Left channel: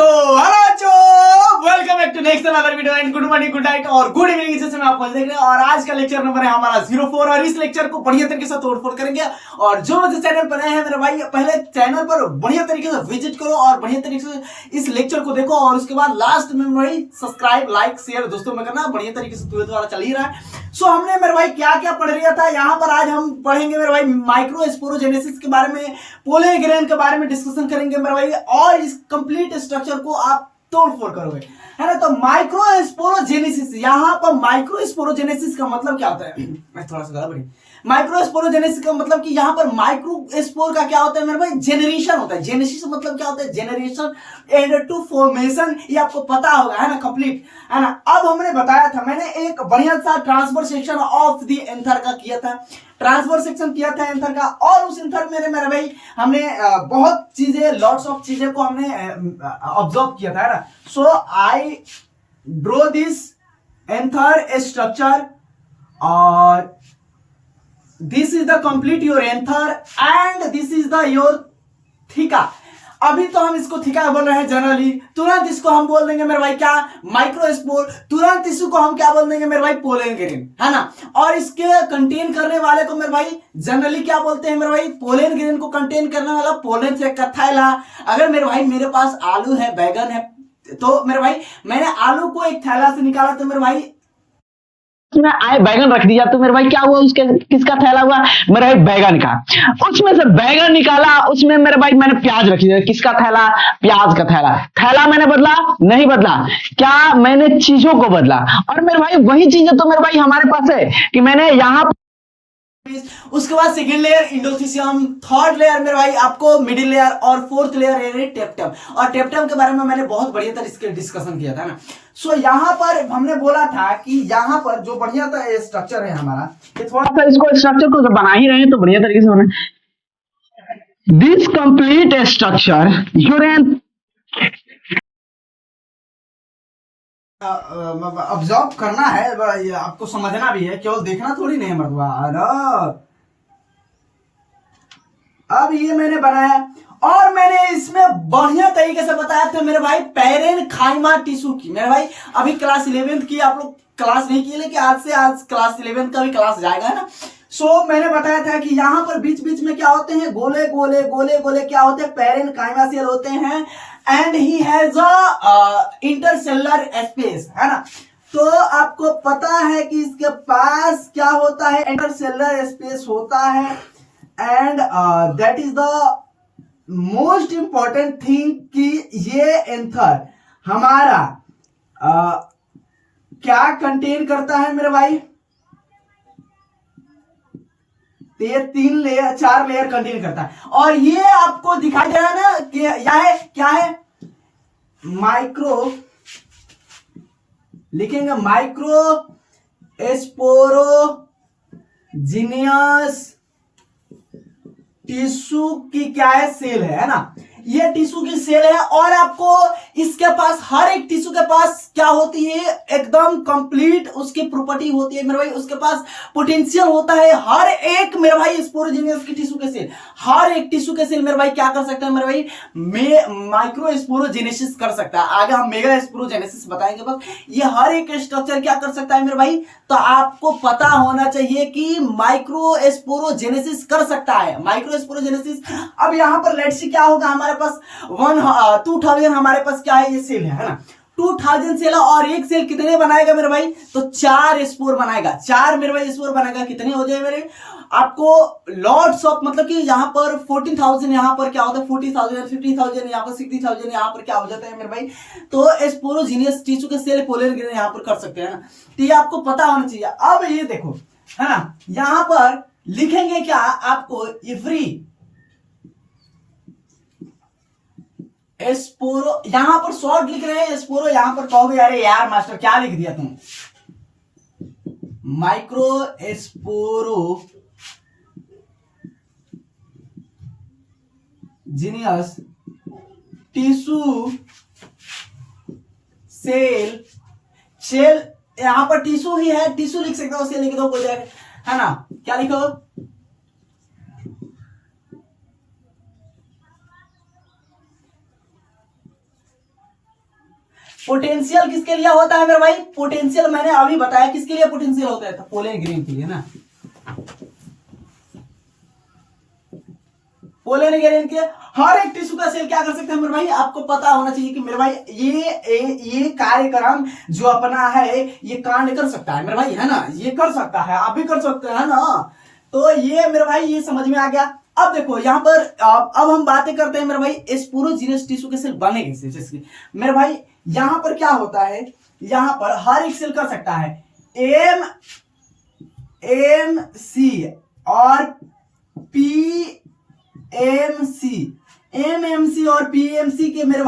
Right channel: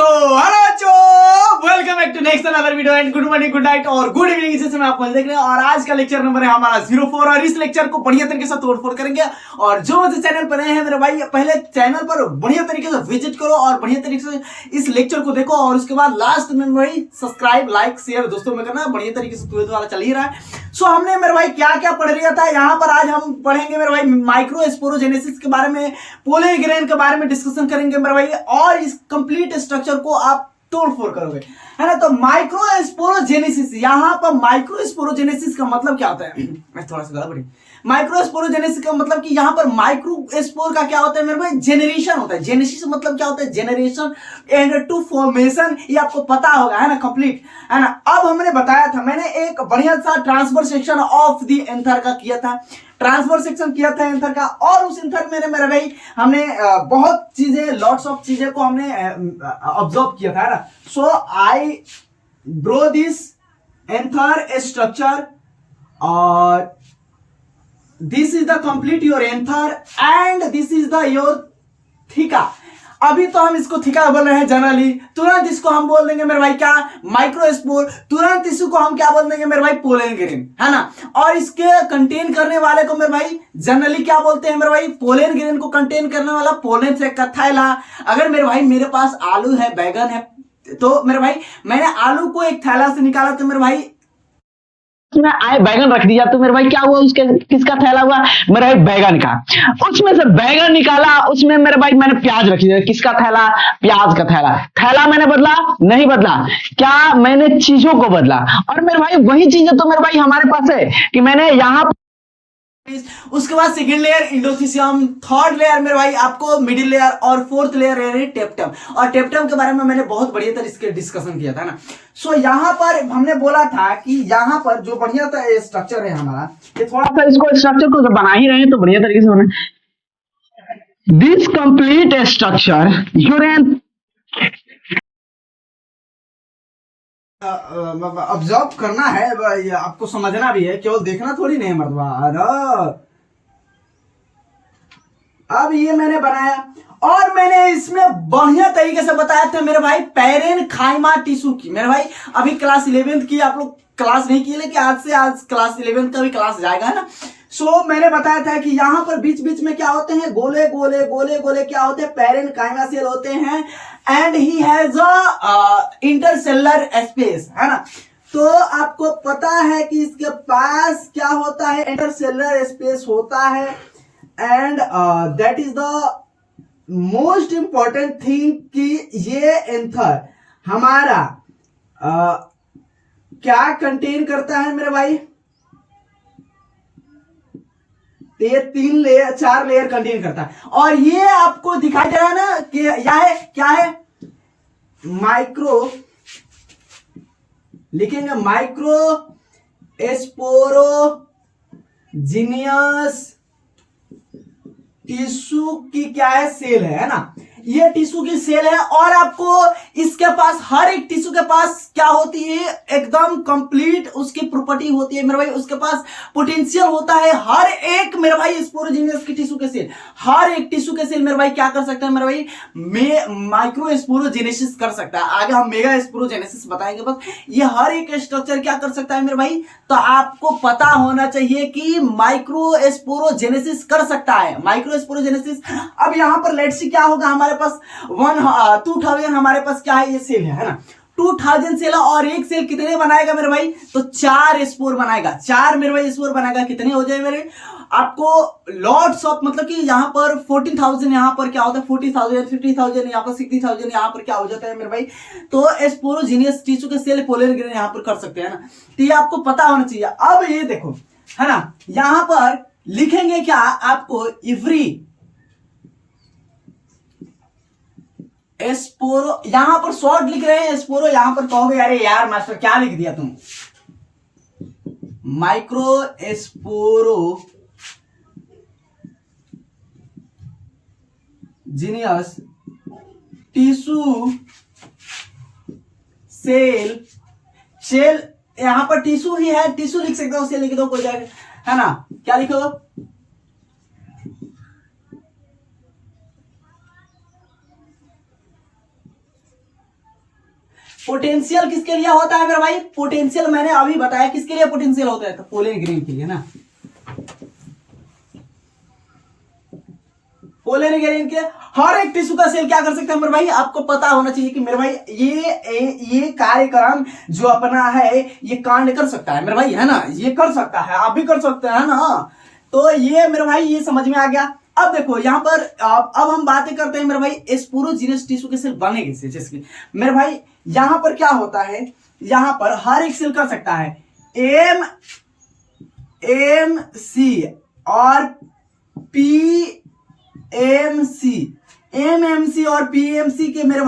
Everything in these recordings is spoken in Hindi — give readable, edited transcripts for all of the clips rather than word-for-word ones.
तो हेलो बच्चों, welcome back to next another video and good morning, good night और गुड इवनिंग जैसे मैं आपको देख रहे हैं। और आज का लेक्चर नंबर है हमारा 04 और इस लेक्चर को बढ़िया तरीके से तोड़फोड़ करेंगे। और जो मुझे चैनल पर नए हैं मेरे भाई, पहले चैनल पर बढ़िया तरीके से विजिट करो और बढ़िया तरीके से इस लेक्चर को देखो और उसके बाद लास्ट में भाई सब्सक्राइब लाइक शेयर दोस्तों में करना। बढ़िया तरीके से तुम्हें द्वारा चल ही रहा है। सो हमने मेरे भाई क्या क्या पढ़ लिया था यहाँ पर। आज हम पढ़ेंगे मेरे भाई माइक्रोस्पोरोजेनेसिस के बारे में, पोलन ग्रेन के बारे में डिस्कशन करेंगे मेरे भाई, और इस कंप्लीट स्ट्रक्चर को आप तोड़फोड़ करोगे, है ना। तो माइक्रोस्पोरोजेनेसिस, यहाँ पर माइक्रोस्पोरोजेनेसिस का मतलब क्या होता है, मैं थोड़ा सा गड़बड़ी। माइक्रोस्पोरोजेनेसिस का मतलब कि यहाँ पर माइक्रोस्पोर का क्या होता है मेरे भाई, जेनरेशन होता है। जेनेसिस मतलब क्या होता है, जेनरेशन एंड टू फॉर्मेशन, ये आपको पता होगा, है ना, कंप्लीट, है ना। अब हमने बताया था, मैंने एक बढ़िया सा transfer section of the anther का किया था, ट्रांसफर सेक्शन किया था एंथर का। और उस एंथर में मेरे भाई हमने बहुत चीजें, लॉट्स ऑफ चीजें को हमने ऑब्जर्व किया था, है ना। So I draw this anther structure और this is the complete your anther and this is the your theca. अभी तो हम इसको थीका बोल रहे हैं जनरली, तुरंत इसको हम बोल देंगे मेरे भाई क्या, माइक्रोस्पोर। तुरंत इसको हम क्या बोल देंगे मेरे भाई, पोलन ग्रेन, है ना। और इसके कंटेन करने वाले को मेरे भाई जनरली क्या बोलते हैं मेरे भाई, पोलन ग्रेन को कंटेन करने वाला पोलन से थैला। अगर मेरे भाई मेरे पास आलू है, बैगन है, तो मेरे भाई मैंने आलू को एक थैला से निकाला तो मेरे भाई में आए बैगन रख दिया तो मेरे भाई क्या हुआ, उसके किसका थैला हुआ, मेरे भाई बैगन का। उसमें से बैगन निकाला, उसमें मेरे भाई मैंने प्याज रख दिया, किसका थैला, प्याज का थैला। थैला मैंने बदला नहीं बदला, क्या मैंने चीजों को बदला। और मेरे भाई वही चीजें तो मेरे भाई हमारे पास है कि मैंने यहाँ। उसके बाद सेकेंड लेयर इंडोथीसियम, थर्ड लेयर मेरे भाई आपको मिडिल लेयर, और फोर्थ लेयर है टेप्टम। और टेप्टम के बारे में मैंने बहुत बढ़िया तरह इसके डिस्कशन किया था ना। सो यहाँ पर हमने बोला था कि यहाँ पर जो बढ़िया सा स्ट्रक्चर है हमारा, ये थोड़ा सा इसको स्ट्रक्चर को जब बना ही रहे हैं तो बढ़िया तरीके से बना। This complete structure your observe करना है, आपको समझना भी है, केवल देखना थोड़ी नहीं मर्दवा। अब ये मैंने बनाया और मैंने इसमें बढ़िया तरीके से बताया था मेरे भाई पैरेनकाइमा टिश्यू की। मेरे भाई अभी क्लास 11th की आप लोग क्लास नहीं की, लेकिन आज से आज क्लास 11th का भी क्लास जाएगा, है ना। सो मैंने बताया था कि यहाँ पर बीच बीच में क्या होते हैं, गोले गोले गोले गोले क्या होते हैं, पैरेनकाइमा सेल होते हैं and he has a intercellular space, है ना। तो आपको पता है कि इसके पास क्या होता है, इंटरसेलुलर स्पेस होता है and that is the most important thing कि ये एंथर हमारा क्या कंटेन करता है मेरे भाई, तो ये 3 लेयर 4 लेयर कंटेन करता है। और ये आपको दिखाई दे रहा है ना कि यह है क्या है, माइक्रो, लिखेंगे माइक्रो स्पोरोजिनियस टिश्यू की क्या है, सेल है ना। ये टिश्यू की सेल है और आपको इसके पास, हर एक टिश्यू के पास क्या होती है, एकदम कंप्लीट उसकी प्रॉपर्टी होती है मेरे भाई। उसके पास पोटेंशियल होता है हर एक मेरे भाई स्पोरोजिनियस की टिश्यू के सेल, हर एक टिश्यू के सेल मेरे भाई क्या कर सकता है मेरे भाई, माइक्रो स्पोरोजेनेसिस कर सकता है। आगे हम मेगा स्पोरोजेनेसिस बताएंगे। बस ये हर एक स्ट्रक्चर क्या कर सकता है मेरे भाई, तो आपको पता होना चाहिए कि माइक्रो स्पोरोजेनेसिस कर सकता है, माइक्रो स्पोरोजेनेसिस। अब यहां पर लेट्स सी क्या होगा, हमारे पास 2000 हमारे पास क्या है, ये सेल है ना। 2000 सेल है और एक सेल कितने बनाएगा मेरे भाई, तो 4 स्पोर बनाएगा, 4 मेरे भाई स्पोर बनाएगा। कितने हो जाए मेरे, आपको लॉट्स ऑफ, मतलब कि यहाँ पर 14,000, यहाँ पर क्या होता है 40,000, 50,000, यहाँ पर 60,000, यहाँ पर क्या हो जाता है मेरे भाई, तो स्पोरोजिनियस टिश्यू के सेल पोलन ग्रेन यहाँ पर कर सकते हैं ना। तो ये आपको पता होना चाहिए। अब ये देखो, है ना, यहाँ पर लिखेंगे क्या आपको, इफ्री स्पोरो, यहां पर शॉर्ट लिख रहे हैं स्पोरो, यहां पर कहोगे अरे यार मास्टर क्या लिख दिया तुम, micro स्पोरो genius tissue cell, cell यहां पर टिश्यू ही है, टिश्यू लिख सकते हो, सेल लिख दो कोई जाएगा, है ना। क्या लिखो, पोटेंशियल किसके लिए होता है मेरे भाई? पोटेंशियल मैंने अभी बताया किसके लिए पोटेंशियल होता है, तो पोलन ग्रेन के लिए ना, पोलन ग्रेन के हर एक टिश्यू का सेल क्या कर सकता है मेरे भाई? आपको पता होना चाहिए कि मेरे भाई ये कार्यक्रम जो अपना है ये कांड कर सकता है मेरे भाई, है ना, ये कर सकता है, आप भी कर सकते हैं ना। तो ये मेरे भाई ये समझ में आ गया। अब देखो यहाँ पर अब हम बातें करते हैं मेरे भाई स्पोरोजीनियस टिश्यू के सेल बने कैसे। जैसे मेरे भाई यहां पर क्या होता है, यहां पर हर एक सेल कर सकता है एम सी और एमएमसी और पीएमसी के मेरे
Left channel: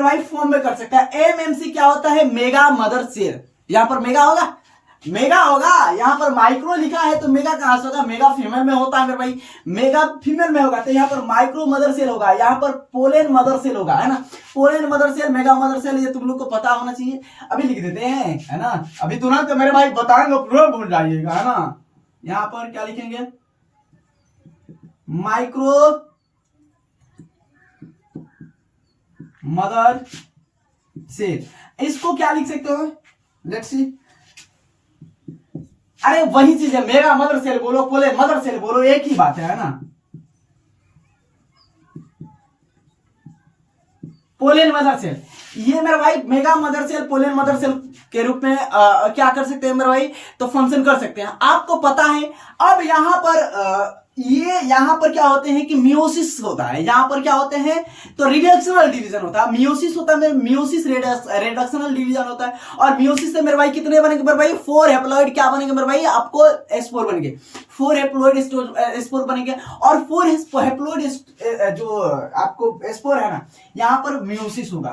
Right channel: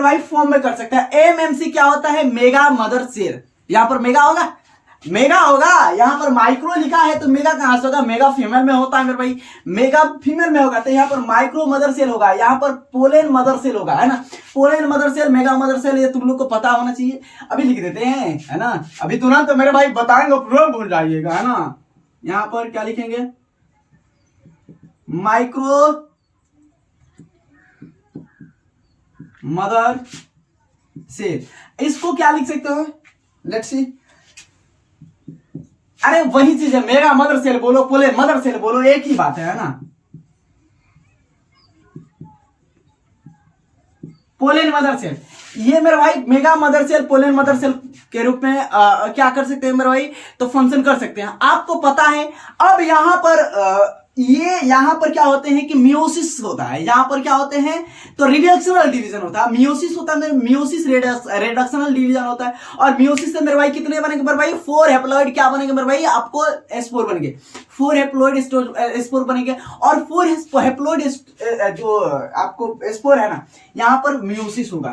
भाई फॉर्म में कर सकता है। एमएमसी क्या होता है? Mega mother cell. यहां पर मेगा होगा, यहां पर माइक्रो लिखा है तो मेगा कहां से होगा? मेगा फीमेल में होता है मेरे भाई, मेगा फीमेल में होगा तो यहां पर माइक्रो मदर सेल होगा, यहां पर पोलन मदर सेल होगा, है ना। Pollen mother cell, mega mother cell, ये तुम लोग को पता होना चाहिए। अभी लिख देते हैं, है ना, अभी तुरंत तो मेरे भाई बताएंगे तुरंत भूल जाइएगा, है ना। यहां पर क्या लिखेंगे? Micro mother cell. इसको क्या लिख सकते हो? Let's see. अरे वही चीज है, मेगा मदर सेल बोलो, पोलन मदर सेल बोलो, एक ही बात है ना। पोलन मदर सेल, ये मेरे भाई mega mother cell, pollen mother cell के रूप में क्या कर सकते हैं मेरे भाई? तो फंक्शन कर सकते हैं, आपको पता है। अब यहां पर यहां पर क्या होते हैं कि मियोसिस होता है, यहां पर क्या होते हैं तो रिडक्शनल डिवीजन होता है। मियोसिस होता है, मियोसिस रिडक्शनल डिवीजन होता है। और मियोसिस से मेरे भाई कितने बनेंगे मेरे भाई? 4 हैप्लॉइड क्या बनेंगे मेरे भाई? आपको S4 बनेंगे, 4 हैप्लॉइड S4 बनेंगे। और 4 हैप्लॉइड जो आपको S4 है ना, यहां पर मियोसिस होगा।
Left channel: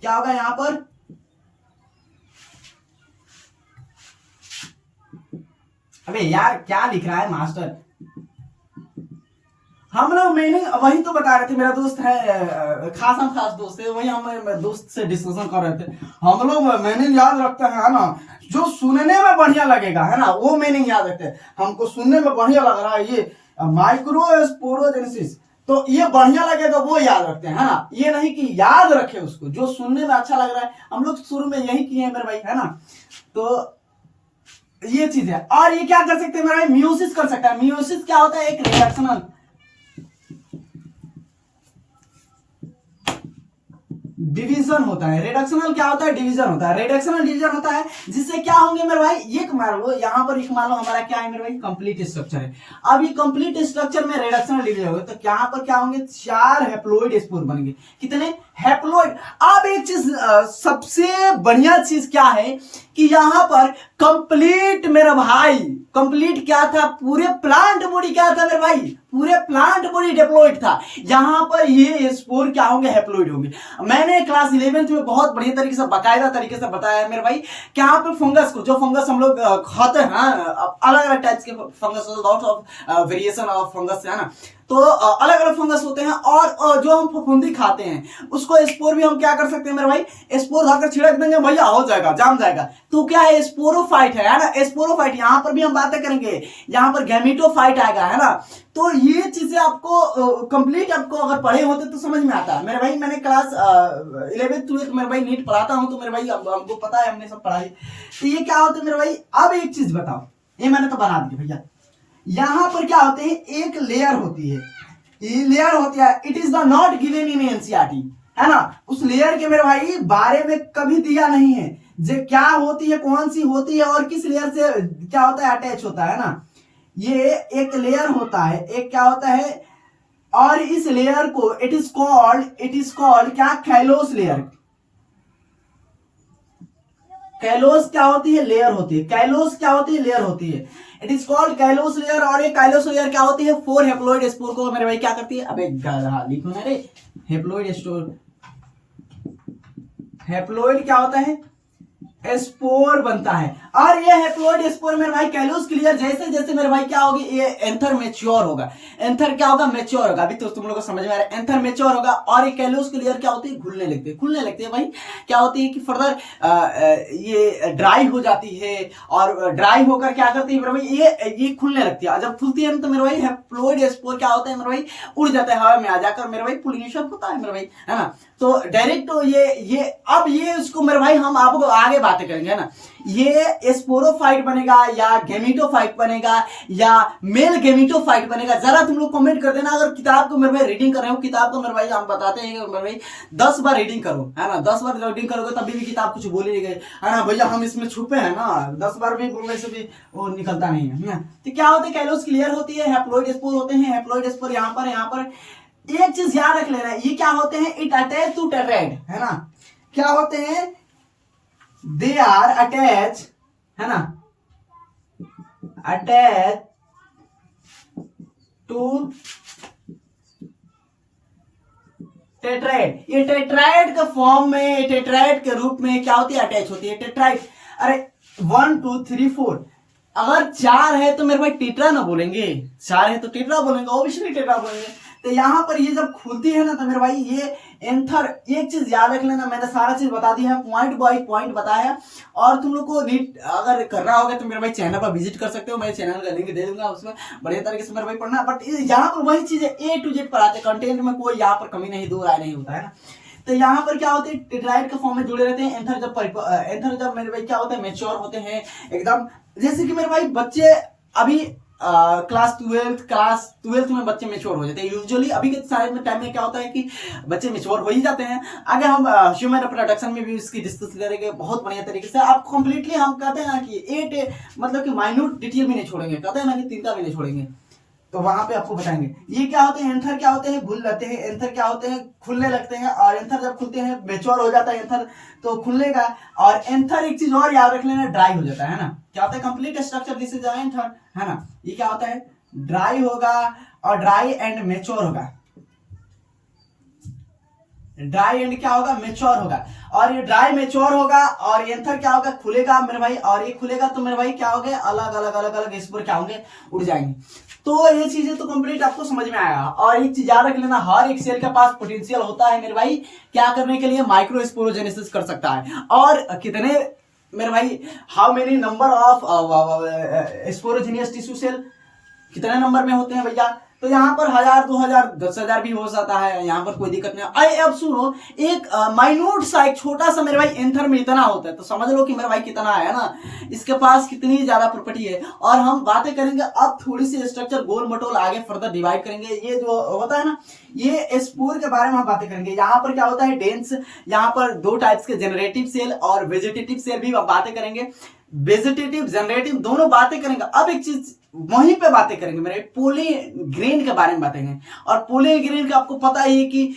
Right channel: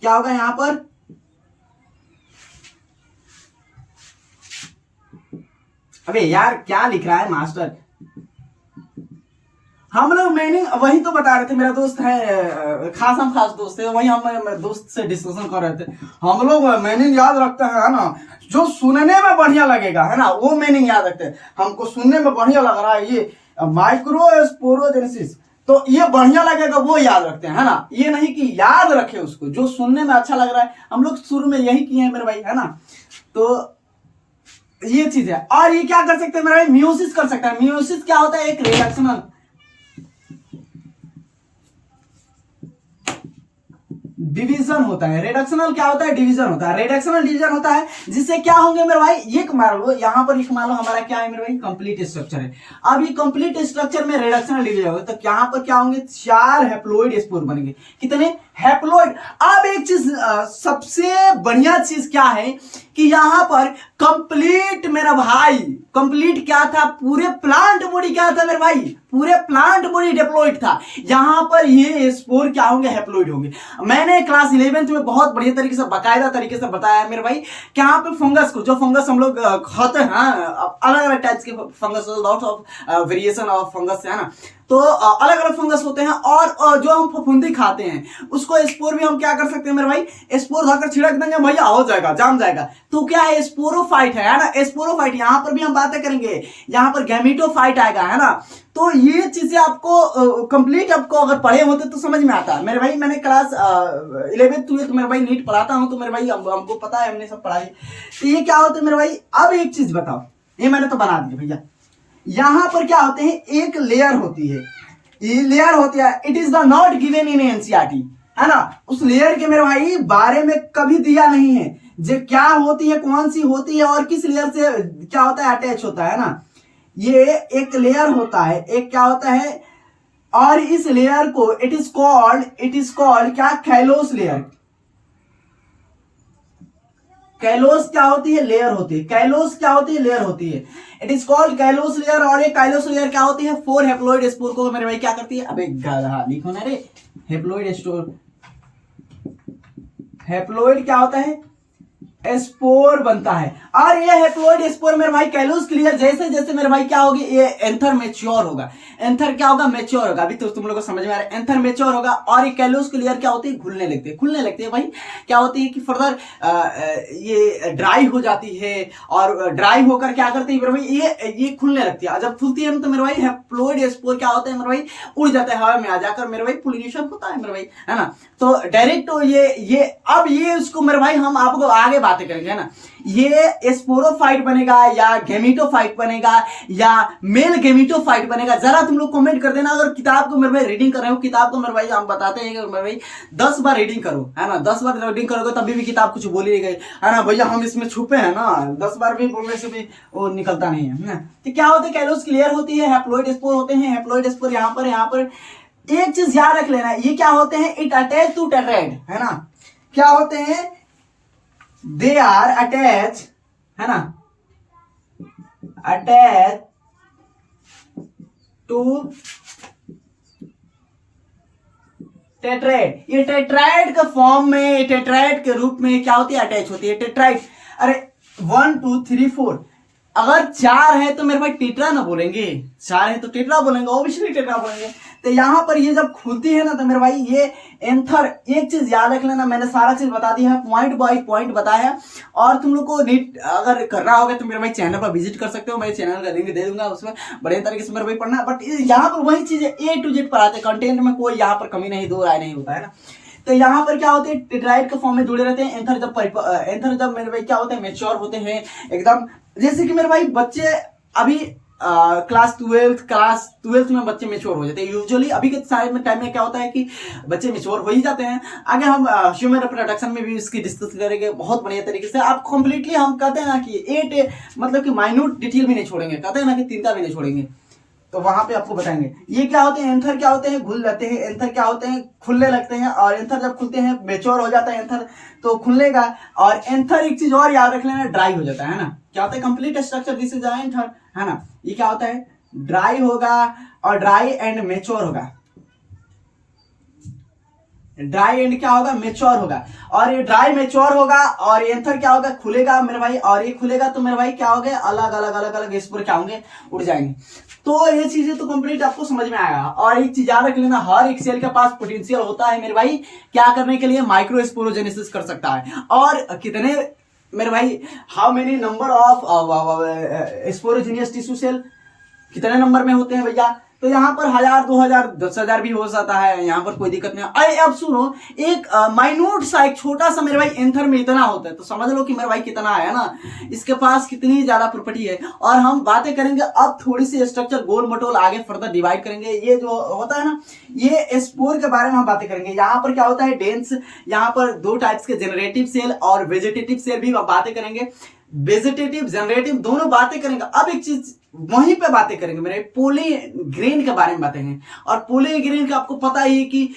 क्या होगा यहां पर? अबे यार क्या लिख रहा है मास्टर? हम लोग मीनिंग वही तो बता रहे थे, मेरा दोस्त है खास दोस्त है, वही हम दोस्त से डिस्कशन कर रहे थे। हम लोग मीनिंग याद रखते हैं, है ना, जो सुनने में बढ़िया लगेगा, है ना, वो मीनिंग याद रखते हैं। हमको सुनने में बढ़िया लग रहा है ये माइक्रोस्पोरोजेनेसिस, तो ये बढ़िया लगेगा वो याद रखते हैं, है ना। ये नहीं कि याद रखे उसको, जो सुनने में अच्छा लग रहा है। हम लोग शुरू में यही किए हैं मेरे भाई, है ना। तो ये चीज है। और ये क्या कर सकते हैं मेरे भाई? मियोसिस कर सकता है। मियोसिस क्या होता है? एक रिडक्शनल डिवीजन होता है। रिडक्शनल क्या होता है? डिवीजन होता है। रिडक्शनल डिवीजन होता है जिससे क्या होंगे मेरे भाई? एक मान लो यहां पर, एक मान लो हमारा क्या है मेरे भाई? कंप्लीट स्ट्रक्चर है। अब ये कंप्लीट स्ट्रक्चर में रिडक्शनल डिवीजन होगा तो यहां पर क्या होंगे? 4 हैप्लॉइड स्पोर बनेंगे। कितने? हैप्लॉइड। अब एक चीज सबसे बढ़िया चीज क्या है कि यहां पर कंप्लीट मेरा भाई, कंप्लीट क्या था? पूरे प्लांट बॉडी क्या था मेरे भाई? पूरे प्लांट बॉडी डिप्लॉइड था। यहां पर ये स्पोर क्या होंगे? हैप्लॉइड होंगे। मैंने क्लास 11th में बहुत बढ़िया तरीके से, बाकायदा तरीके से बताया है मेरे भाई कि यहाँ पे फंगस को, जो फंगस हम लोग खाते हैं, अलग अलग टाइप्स के fungus, lots of variation of fungus, है ना। तो अलग अलग फंगस होते हैं। और जो हम फफूंदी खाते हैं उसको स्पोर भी हम क्या कर सकते हैं मेरे भाई? स्पोर खाकर छिड़क देंगे भैया, हो जाएगा, जाम जाएगा। तो क्या है? स्पोरोफाइट है ना, स्पोरोफाइट। यहां पर भी हम बातें करेंगे, यहां पर गैमेटोफाइट आएगा, है ना। तो ये चीजें आपको कंप्लीट, आपको अगर पढ़े होते तो समझ में आता है मेरे भाई। मैंने क्लास 11th 12th मेरे भाई नीट पढ़ाता हूं, तो मेरे भाई हमको पता है, हमने सब पढ़ाई। तो ये क्या होता है मेरे भाई? अब एक चीज बताओ, ये मैंने तो बना दी भैया। यहां पर क्या होते हैं? एक लेयर होती है, ये लेयर होती है, it is the not given in NCERT, है ना। उस लेयर के मेरे भाई बारे में कभी दिया नहीं है, जो क्या होती है, कौन सी होती है और किस लेयर से क्या होता है, अटैच होता है ना। ये एक लेयर होता है, एक क्या होता है, और इस लेयर को इट इज कॉल्ड क्या? Callus layer. कैलोस क्या होती है? लेयर होती है। कैलोस क्या होती है? लेयर होती है। It is called callus layer. और ये कैलोस लेयर क्या होती है? 4 हैप्लॉइड स्पोर को मेरे भाई क्या करती है? अबे गधा लिखो ना रे, हैप्लॉइड स्टोर। हैप्लॉइड क्या होता है? स्पोर बनता है। और ये हैप्लॉइड स्पोर मेरे भाई कैलूस क्लियर जैसे जैसे मेरे भाई क्या होगी, ये एंथर मैच्योर होगा। एंथर क्या होगा, मैच्योर होगा। अभी तो तुम लोगों को समझ में आ रहा है, एंथर मैच्योर होगा। और ये कैलूस क्लियर क्या होती है, घुलने लगती है भाई। क्या होती है कि फर्दर ये ड्राई हो जाती है, और ड्राई होकर क्या करती है मेरे भाई, ये खुलने लगती है। जब खुलती है तो मेरे भाई हैप्लॉइड स्पोर क्या होता है मेरे भाई, उड़ जाता है हवा में, आ जाकर मेरे भाई पोलिनेशन होता है मेरे भाई, है ना। तो डायरेक्ट तो ये अब ये उसको मेरे भाई हम आपको आगे बातें करेंगे, है ना। ये स्पोरोफाइट बनेगा या गेमिटोफाइट बनेगा या मेल गेमिटोफाइट बनेगा, जरा तुम लोग कमेंट कर देना। अगर किताब को मेरे भाई रीडिंग कर रहे हो, किताब को मेरे भाई हम बताते हैं कि मेरे भाई 10 बार रीडिंग करो, है ना। 10 बार रीडिंग करोगे तभी भी किताब कुछ बोली नहीं गई, है ना भैया, हम इसमें छुपे हैं ना, 10 बार भी बोलने से भी वो निकलता नहीं है। तो क्या होता है, कैलूस क्लियर होती है, हैप्लॉइड स्पोर होते हैं। हैप्लॉइड स्पोर यहाँ पर एक चीज याद रख लेना, ये क्या होते हैं, इट अटैच टू टेट्राइड, है ना। क्या होते हैं, दे आर अटैच, है ना, अटैच टू टेट्राइड। ये टेट्राइड के फॉर्म में, टेट्राइड के रूप में क्या होती है, अटैच होती है टेट्राइड। अरे 1 2 3 4, अगर 4 है तो मेरे भाई टेट्रा ना बोलेंगे, 4 है तो टेट्रा बोलेंगे, ऑब्वियसली टेट्रा बोलेंगे। तो यहां पर ये जब खुलती है ना तो मेरे भाई ये एंथर, एक चीज याद रख लेना, मैंने सारा चीज बता दिया है, पॉइंट बाय पॉइंट बताया। और तुम लोग को नीट अगर करना होगा तो मेरे भाई चैनल पर विजिट कर सकते हो, मैं चैनल का लिंक दे दूंगा, उसमें बढ़िया तरीके से मेरे भाई पढ़ना। बट यहाँ पर वही चीजें A to Z पढ़ाते हैं, कंटेंट में कोई यहाँ पर कमी नहीं, दो राय नहीं होता है ना। तो यहाँ पर क्या होते हैं, टेट्राइड के फॉर्म में जुड़े रहते हैं। एंथर जब मेरे भाई क्या होते हैं, मैच्योर होते हैं एकदम। जैसे कि मेरे भाई बच्चे अभी क्लास 12th में बच्चे मैच्योर हो जाते हैं यूजुअली। अभी के सारे टाइम में क्या होता है कि बच्चे मैच्योर हो ही जाते हैं। आगे हम ह्यूमन रिप्रोडक्शन में भी इसकी डिस्कस करेंगे बहुत बढ़िया तरीके से। आप कंप्लीटली हम कहते हैं ना कि 8 मतलब कि माइन्यूट डिटेल भी नहीं छोड़ेंगे, कहते हैं ना कि तिनका भी नहीं छोड़ेंगे, तो वहां पे आपको बताएंगे। ये क्या होते हैं, एंथर क्या होते हैं, घुल जाते हैं। एंथर क्या होते हैं, खुलने लगते हैं। और एंथर जब खुलते हैं, मैच्योर हो जाता है एंथर तो खुलने का। और एंथर एक चीज और याद रख लेना, ड्राई हो जाता है ना। क्या होता है, complete structure this is anther, है ना। ये क्या होता है, ड्राई होगा और ड्राई एंड मैच्योर होगा। ड्राई एंड क्या होगा, मैच्योर होगा। और ये ड्राई मैच्योर होगा और एंथर क्या होगा, खुलेगा मेरे भाई। और ये खुलेगा तो मेरे भाई क्या हो गए, अलग अलग स्पोर क्या होंगे, उड़ जाएंगे। तो ये चीजें तो कंप्लीट आपको समझ में आएगा। और एक चीज याद रख लेना, हर एक सेल के पास पोटेंशियल होता है मेरे भाई क्या करने के लिए, माइक्रो स्पोरोजेनेसिस कर सकता है। और कितने मेरे भाई, how many number of sporogenous tissue cell, कितने नंबर में होते हैं भैया। तो यहाँ पर 1000 2000 10,000 भी हो सकता है, यहाँ पर कोई दिक्कत नहीं। अरे अब सुनो, एक माइन्यूट सा, एक छोटा सा मेरे भाई एंथर में इतना होता है, तो समझ लो कि मेरे भाई कितना है ना, इसके पास कितनी ज्यादा प्रॉपर्टी है। और हम बातें करेंगे अब थोड़ी सी स्ट्रक्चर गोल मटोल आगे फर्दर डिवाइड करेंगे। ये जो होता है ना, ये स्पोर के बारे में हम बातें करेंगे। यहाँ पर क्या होता है, डेंस, यहाँ पर 2 टाइप्स के जनरेटिव सेल और वेजिटेटिव सेल भी बातें करेंगे। वेजिटेटिव जनरेटिव दोनों बातें करेंगे। अब एक चीज वहीं पे बातें करेंगे मेरे, पोलिन ग्रेन के बारे में बातें। और पोलिन ग्रेन का आपको पता ही है कि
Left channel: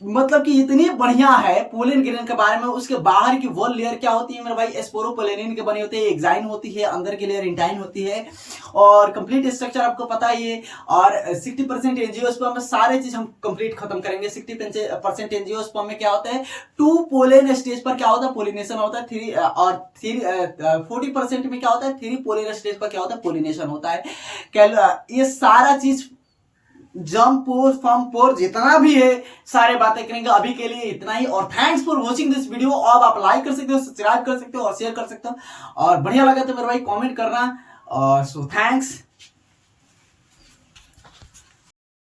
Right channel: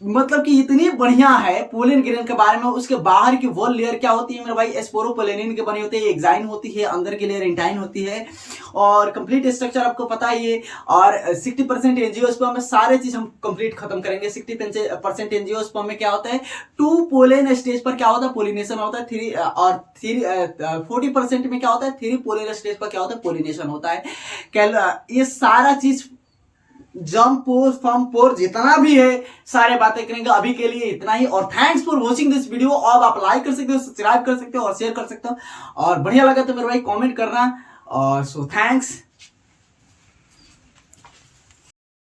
मतलब कि इतनी बढ़िया है पोलिन ग्रेन के बारे में। उसके बाहर की वॉल लेयर क्या होती है मेरे भाई, स्पोरोपोलेनिन के बने होते हैं, एक्साइन होती है, अंदर की लेयर इंटाइन होती है। और कंप्लीट स्ट्रक्चर आपको पता ही है। और 60% एंजियोस्पर्म में सारे चीज हम कंप्लीट खत्म करेंगे। 60% एंजियोस्पर्म में क्या होता है, 2 पोलेन स्टेज पर क्या होता है, पोलिनेशन होता है। 3 और 40% में क्या होता है, 3 पोलेन स्टेज पर क्या होता है, पोलिनेशन होता है। ये सारा चीज जंप पोर फॉर्म पोर जितना भी है सारे बातें करेंगे। अभी के लिए इतना ही। और thanks for watching this video. अब आप लाइक कर सकते हो, सब्सक्राइब कर सकते हो और शेयर कर सकते हो। और बढ़िया लगा तो मेरे भाई कमेंट करना। और सो थैंक्स।